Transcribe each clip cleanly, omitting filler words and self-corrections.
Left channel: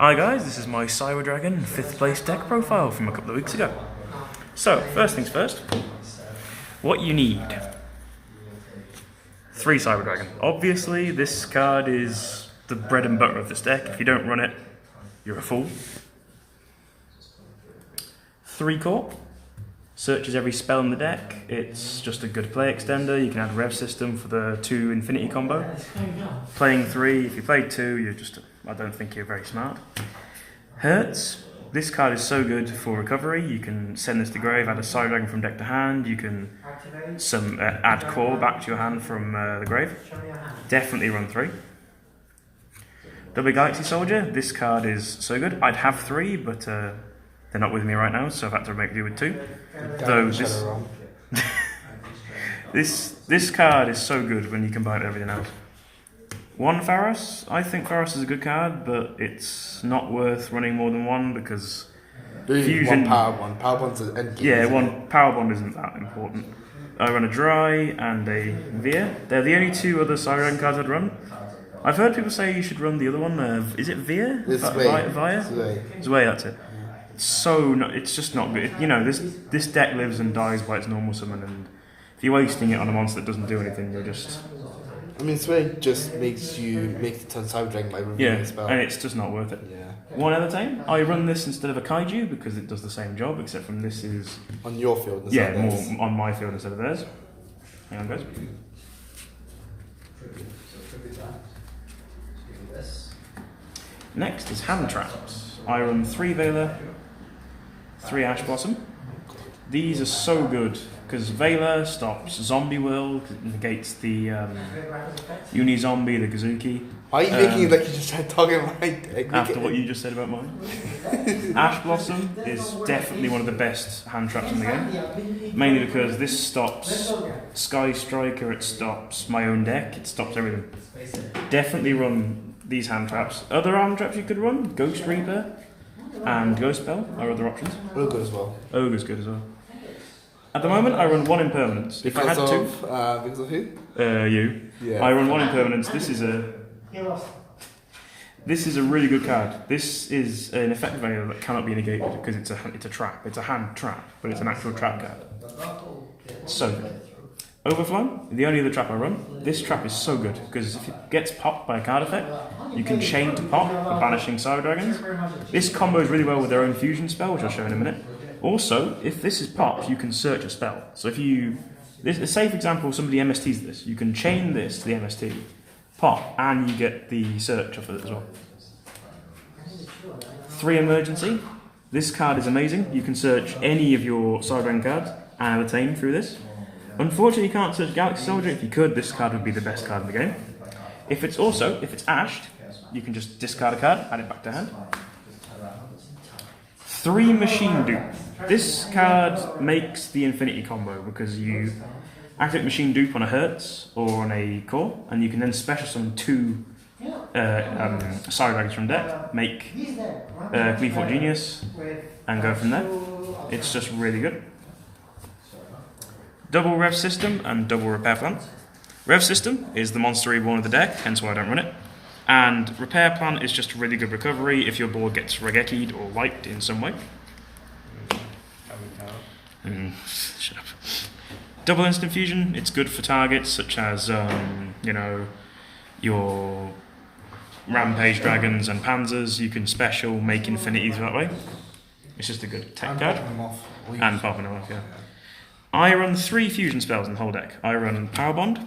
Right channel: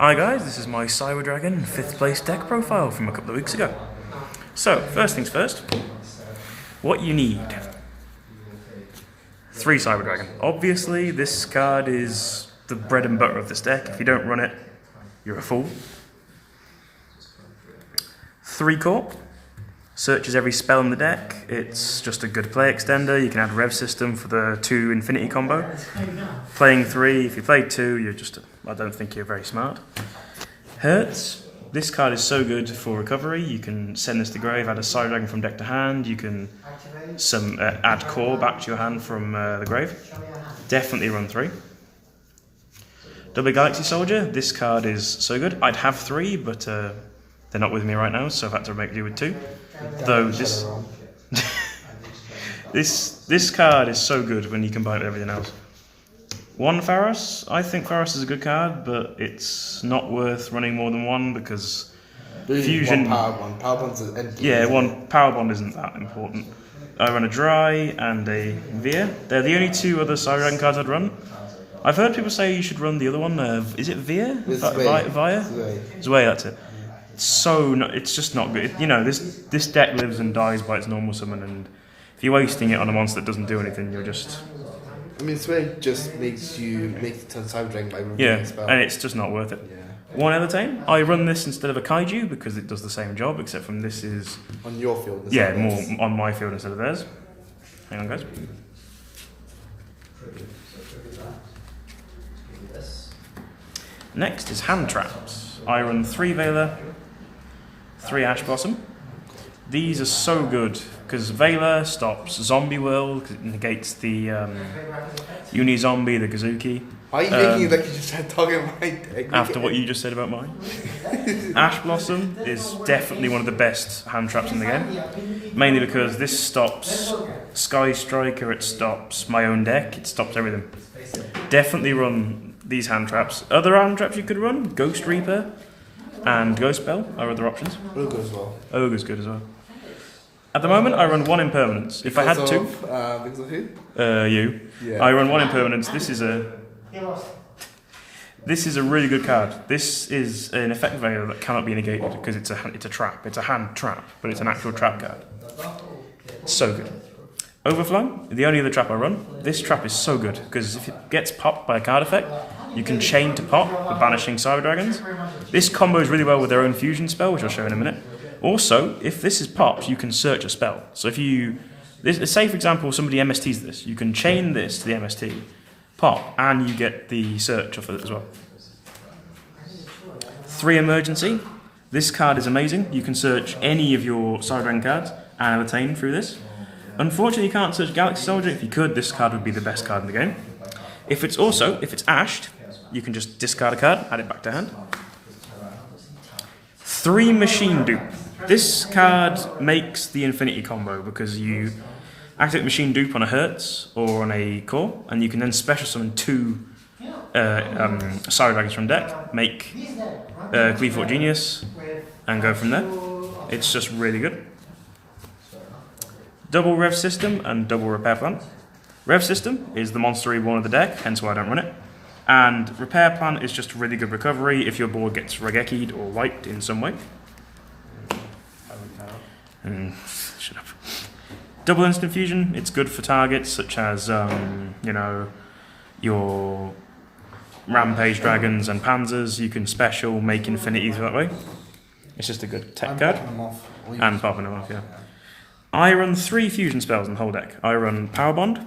Hi guys, this is my Cyber Dragon 5th place deck profile from a couple of weeks ago. So, first things first, what you need. 3 Cyber Dragon. Obviously, this card is the bread and butter of this deck. If you don't run it, you're a fool. 3 Core. Searches every spell in the deck. It's just a good play extender. You can add Rev System for the 2 Infinity combo. Playing 3, if you played 2, you're just, I don't think you're very smart. Hurts. This card is so good for recovery. You can send this to grave, add a Cyber Dragon from deck to hand. You can add Core back to your hand from the grave. Definitely run 3. Double Galaxy Soldier. This card is so good. I'd have 3, but they're not with me right now, so I've had to make do with 2. Though this card is so good when you combine it with everything else. 1 Pharos. I think Pharos is a good card, but it's not worth running more than 1 because fusion. Power bond's empty. Yeah, 1 power bond isn't that important. I run a Dry and a Via. They're the only 2 other Cyber Dragon cards I'd run. I've heard people say you should run the other one. Is it Via? Via? Zwei, that's it. It's just not good. You know, this deck lives and dies by its normal summon, and if you're wasting it on a monster that doesn't do anything, you're just... I mean, Sway just makes you make the ton of Cyber Dragon by removing the spell. And it's just not worth it. Yeah. 1 Elitane. I run this instead of a Kaiju because it does the same job, except from this is... On your field instead Yeah, of more theirs. on my field instead of theirs. Hang on, guys. Next is Hand Traps. I run 3 Veiler, 3 Ash Blossom. These are so good because Veiler stops Zombie World, because it negates the Uni-Zombie, the Kazuki. Why are you making it like you just started talking about my deck? After what you just said about mine. Ash Blossom is definitely one of the best hand traps in the game. Mainly because this stops Sky Striker, it stops my own deck, it stops everything. Definitely run these hand traps. Other hand traps you could run, Ghost Reaper and Ghost Spell are other options. Ogre as well. Ogre's good as well. At the moment I run 1 Impermanence. If I had to... Because of who? You. Yeah. I run 1 Impermanence. This is a really good card. This is an effect value that cannot be negated because it's a trap. It's a hand trap, but it's an actual trap card. So good. Overflow, the only other trap I run. This trap is so good because if it gets popped by a card effect, you can chain to pop with banishing Cyber Dragons. This combos really well with their own fusion spell, which I'll show in a minute. Also, if this is popped, you can search a spell. So if you, say for example, somebody MSTs this, you can chain this to the MST, pop, and you get the search off of it as well. 3 Emergency. This card is amazing. You can search any of your Cyber Dragon cards and Elitane through this. Unfortunately, you can't search Galaxy Soldier. If you could, this card would be the best card in the game. If it's ashed, you can just discard a card, add it back to hand. 3 Machine Dupe. This card makes the Infinity combo because you activate Machine Dupe on a Hertz or on a Core, and you can then special summon 2 Cyber Dragons from deck, make Cleafort Genius, and go from there. It's just really good. Double Rev System and double Repair Plan. Rev System is the monster one of the deck, hence why I don't run it. And Repair Plan is just really good recovery if your board gets Regeki'd or wiped in some way. Shut up. Double Instant Fusion, it's good for targets such as, your Rampage Dragons and Panzers. You can special make infinities that way. It's just a good tech card. And popping them off, yeah. I run 3 fusion spells in the whole deck. I run Power Bond,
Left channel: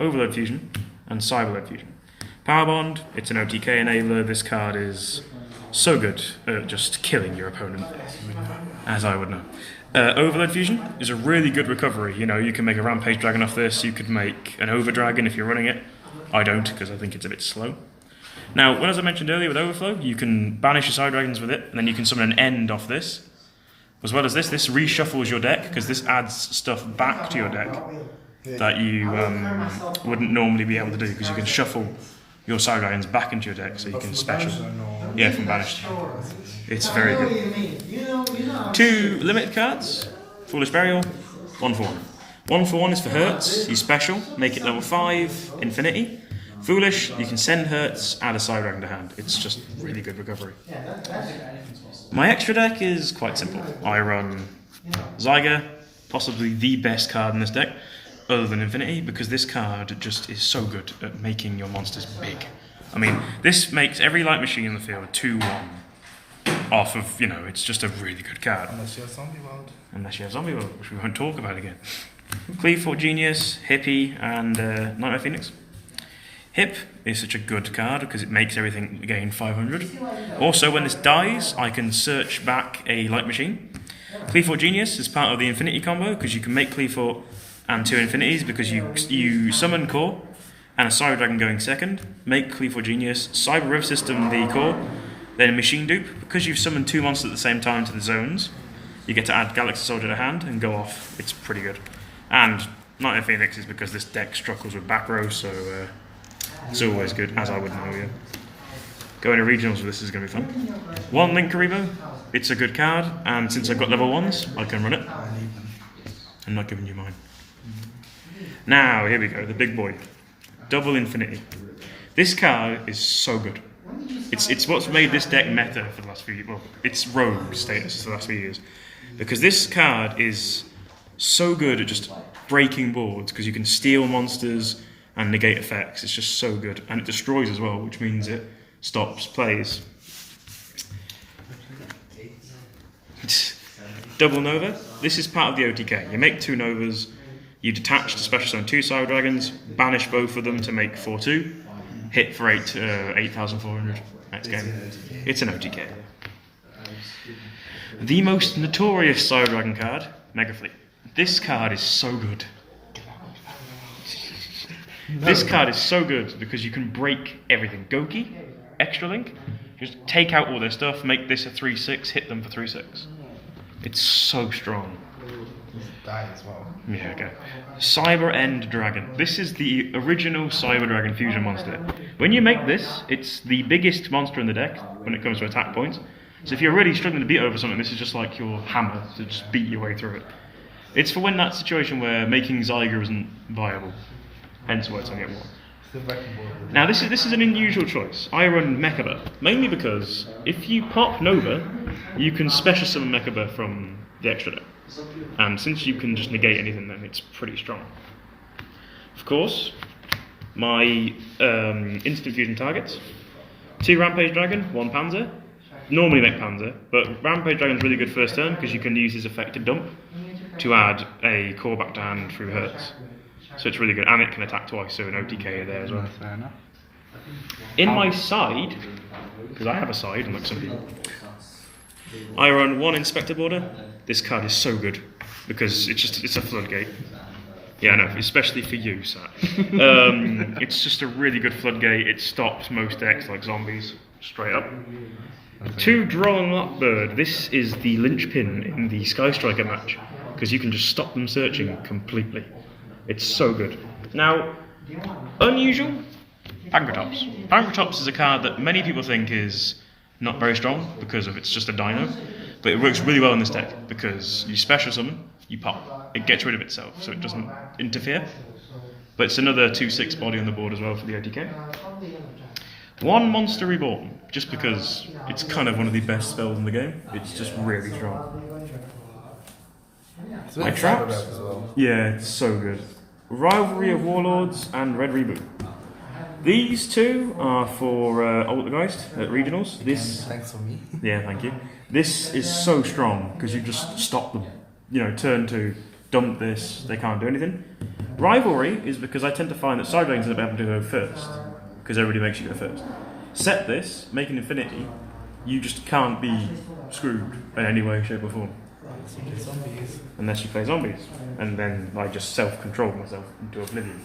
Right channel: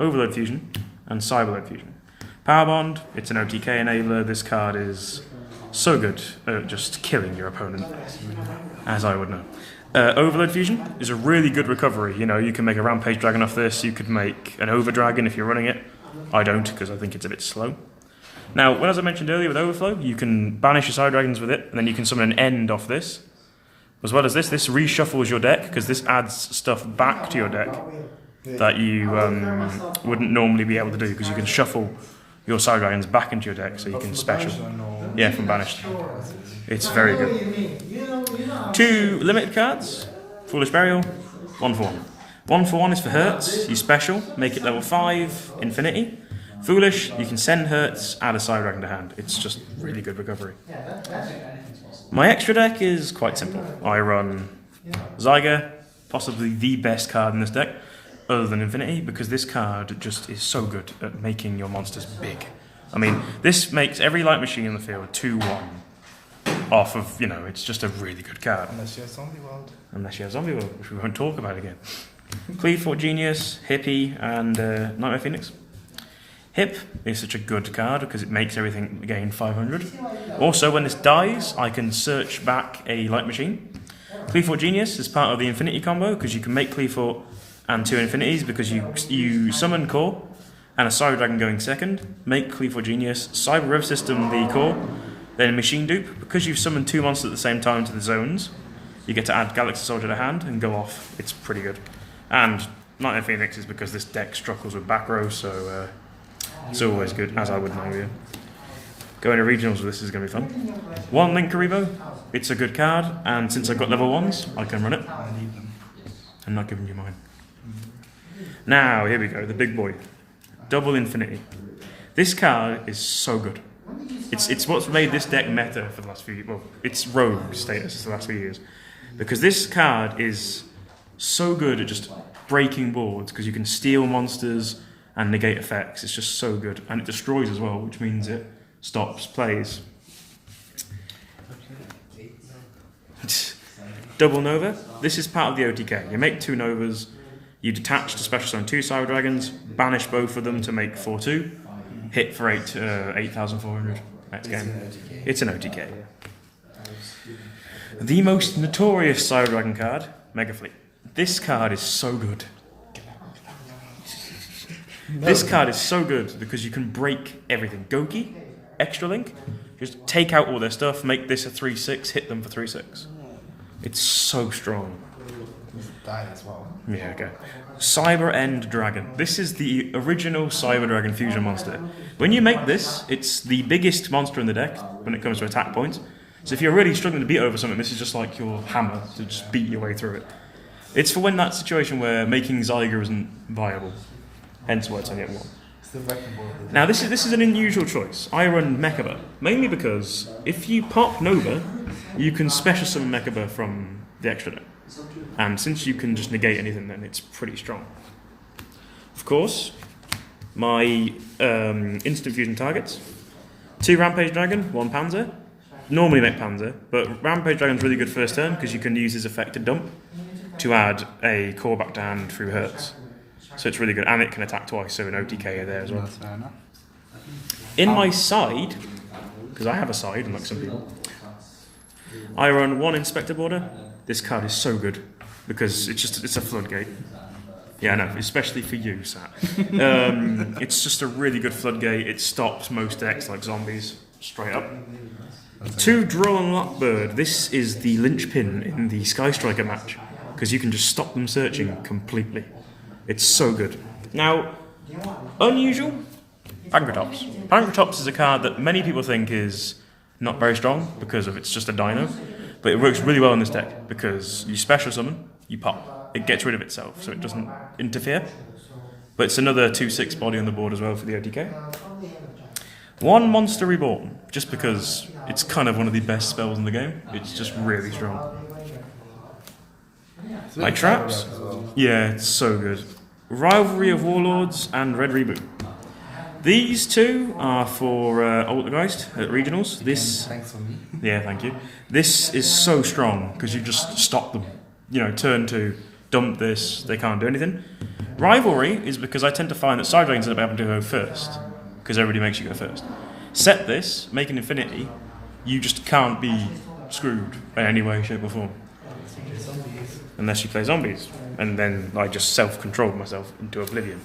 Overload Fusion, and Cyberload Fusion. Power Bond, it's an OTK enabler. This card is so good at just killing your opponent, as I would know. Overload Fusion is a really good recovery. You know, you can make a Rampage Dragon off this. You could make an Over Dragon if you're running it. I don't, because I think it's a bit slow. Now, as I mentioned earlier with Overflow, you can banish your Cyber Dragons with it, and then you can summon an End off this. As well as this reshuffles your deck, because this adds stuff back to your deck that you wouldn't normally be able to do, because you can shuffle your Cyber Dragons back into your deck, so you can special. Yeah, from banished. It's very good. 2 limited cards. Foolish Burial, 1 for 1. 1 for 1 is for Hertz. You special, make it level 5, Infinity. Foolish, you can send Hertz, add a Side Dragon to hand. It's just really good recovery. My extra deck is quite simple. I run Zyger, possibly the best card in this deck, other than Infinity, because this card just is so good at making your monsters big. I mean, this makes every light machine in the field 2-1 off of, it's just a really good card. Unless you have Zombie World. Unless you have Zombie World, which we won't talk about again. Cleavefort Genius, Hippie, and Nightmare Phoenix. Hip is such a good card because it makes everything gain 500. Also, when this dies, I can search back a light machine. Cleavefort Genius is part of the Infinity combo because you can make Cleavefort and 2 Infinities because you summon Core and a Cyber Dragon going second, make Cleavefort Genius, Cyber Rev System the Core, then Machine Dupe. Because you've summoned 2 monsters at the same time to the zones, you get to add Galaxy Soldier to hand and go off. It's pretty good. And Nightmare Phoenix is because this deck struggles with back row, so it's always good, as I would know, yeah. Going to regionals with this is going to be fun. 1 Link Karibo, it's a good card, and since I've got level 1s, I can run it. I need them. I'm not giving you mine. Now, here we go, the big boy. Double Infinity. This card is so good. It's what's made this deck meta for the last few years. Well, it's rogue status for the last few years. Because this card is so good at just breaking boards, because you can steal monsters and negate effects. It's just so good. And it destroys as well, which means it stops plays. Double Nova. This is part of the OTK. You make 2 Novas, you detach to special summon 2 Cyber Dragons, banish both of them to make 4/2, hit for 8,400 next game. It's an OTK. The most notorious Cyber Dragon card, Mega Fleet. This card is so good. This card is so good because you can break everything. Goki, Extra Link, just take out all their stuff, make this a 3/6, hit them for 3/6. It's so strong. Die as well. Yeah, okay. Cyber End Dragon. This is the original Cyber Dragon fusion monster. When you make this, it's the biggest monster in the deck when it comes to attack points. So if you're really struggling to beat over something, this is just like your hammer to just beat your way through it. It's for when that situation where making Zyger isn't viable. Hence why it's only at 1. It's the wrecking ball. Now this is an unusual choice. I run Mechaba, mainly because if you pop Nova, you can special summon Mechaba from the extra deck. And since you can just negate anything, then it's pretty strong. Of course, my instant fusion targets. 2 Rampage Dragon, 1 Panzer. Normally make Panzer, but Rampage Dragon's really good first turn because you can use his effect to dump to add a core back to hand through Hertz. So it's really good, and it can attack twice, so an OTK there as well. That's fair enough. In my side, because I have a side, unlike some people, I run 1 Inspector Border. This card is so good because it's a floodgate. Yeah, I know, especially for you, Sat. It's just a really good floodgate. It stops most decks like zombies, straight up. 2 Drone Lockbird. This is the linchpin in the Sky Striker match because you can just stop them searching completely. It's so good. Now, unusual, Pankratops. Pankratops is a card that many people think is not very strong because of it's just a dino, but it works really well in this deck because you special summon, you pop. It gets rid of itself, so it doesn't interfere. But it's another 2/6 body on the board as well for the OTK. 1 Monster Reborn, just because it's kind of one of the best spells in the game. It's just really strong. My traps? As well. Yeah, it's so good. Rivalry of Warlords and Red Reboot. These 2 are for Altergeist at regionals. This, Thanks for me. yeah, thank you. This is so strong because you just stop them. Turn 2, dump this, they can't do anything. Rivalry is because I tend to find that Cyber Dragons end up having to go first because everybody makes you go first. Set this, make an Infinity, you just can't be screwed in any way, shape or form. Unless you play zombies. And then I just self-controlled myself into oblivion.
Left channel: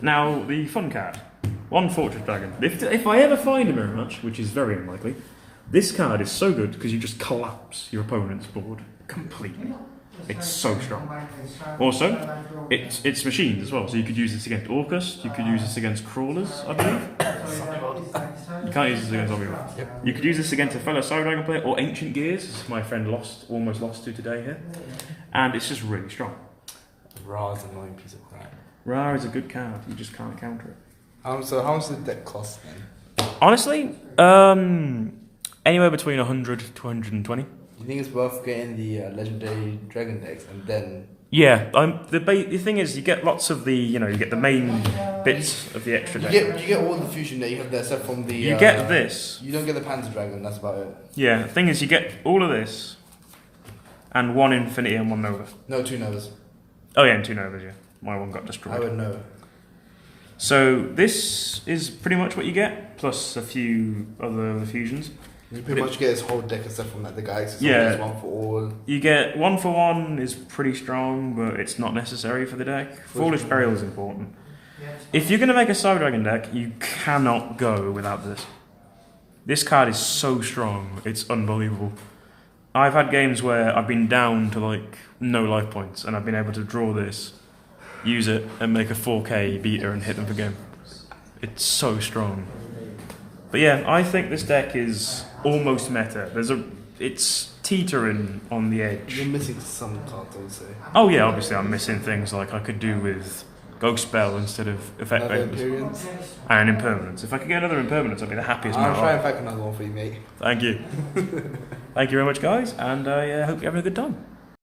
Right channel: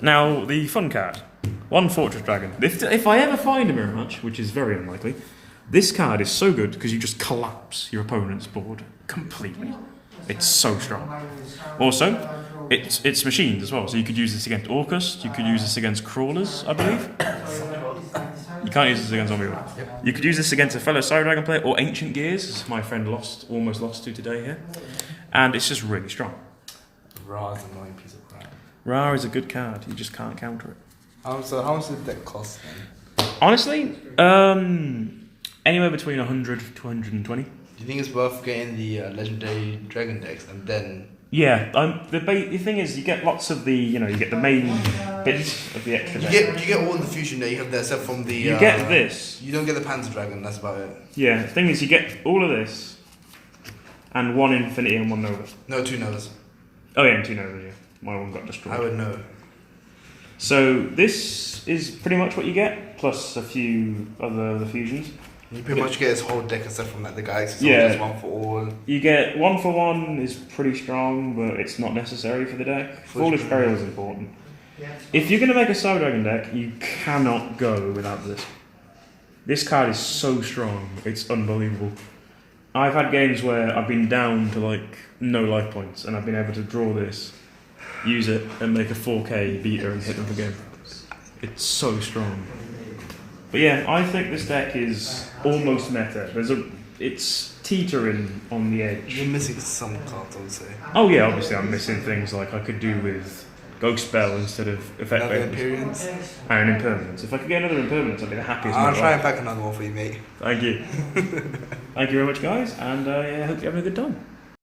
Now, the fun card. 1 Fortress Dragon. If I ever find a mirror match, which is very unlikely, this card is so good because you just collapse your opponent's board completely. It's so strong. Also, it's machines as well, so you could use this against Orcus, you could use this against Crawlers, I believe. You can't use this against Zombie World. Yep. You could use this against a fellow Cyber Dragon player, or Ancient Gears, as my friend almost lost to today here. And it's just really strong. Ra's annoying piece of crap. Ra is a good card, you just can't counter it. How much does the deck cost then? Honestly, anywhere between 100 to 120. Do you think it's worth getting the legendary dragon decks and then? Yeah, the thing is, you get lots of the, you get the main bits of the extra deck. You get all the fusion that you have there, except from the. You get this. You don't get the Panzer Dragon. That's about it. Yeah, the thing is, you get all of this, and 1 Infinity and 1 Nova. No, 2 Novas. Oh yeah, and 2 Novas. Yeah, my one got destroyed. I would know. So this is pretty much what you get, plus a few other fusions. You pretty much get his whole deck except from the Galaxy Yeah. Soldiers, 1 for all. You get 1 for 1 is pretty strong, but it's not necessary for the deck. Foolish Burial is important. If you're going to make a Cyber Dragon deck, you cannot go without this. This card is so strong, it's unbelievable. I've had games where I've been down to no life points, and I've been able to draw this, use it, and make a 4K beater and hit them for game. It's so strong. But yeah, I think this deck is almost meta. It's teetering on the edge. You're missing some cards, I would say. Oh yeah, obviously I'm missing things like I could do with Ghost Spell instead of Effect Another Vapors. Imperience. And Impermanence. If I could get another Impermanence, I'd be the happiest man I'll try alive. and pack another one for you, mate. Thank you. Thank you very much, guys, and I hope you're having a good time.